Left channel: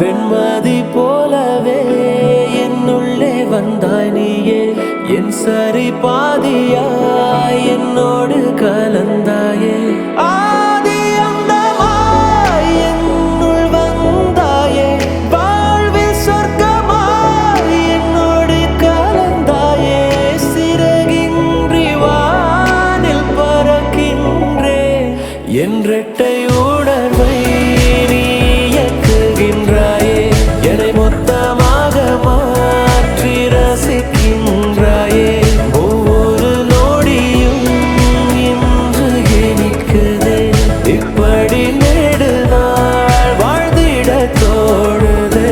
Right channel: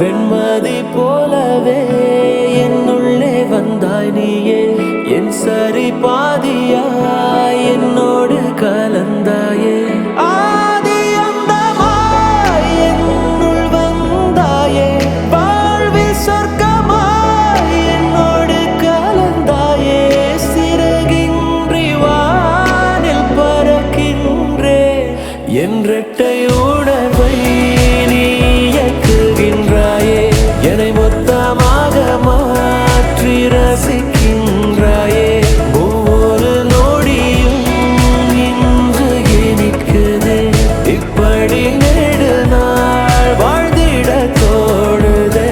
வெண்மதி போலவே என்னுள்ளே வந்தாய் நீயே, என் சரி பாதியாய் என்னோடு கலந்தாயே. ஆதி அந்தமாய் என்னுள் வந்தாயே, வாழ்வில் சொர்க்கமாய் என்னோடு கலந்தாயே. சிறகின்றி வானில் பறக்கின்றேன், என்றெட்டை உணர்வை நீ இயக்குகின்றாயே. என்னை மொத்தமாக மாற்றி ரசிக்கின்றாயே. ஒவ்வொரு நொடியும் இன்று இனிக்குதே, இப்படி நெடு நாள் வாழ்ந்திட தோணுதே.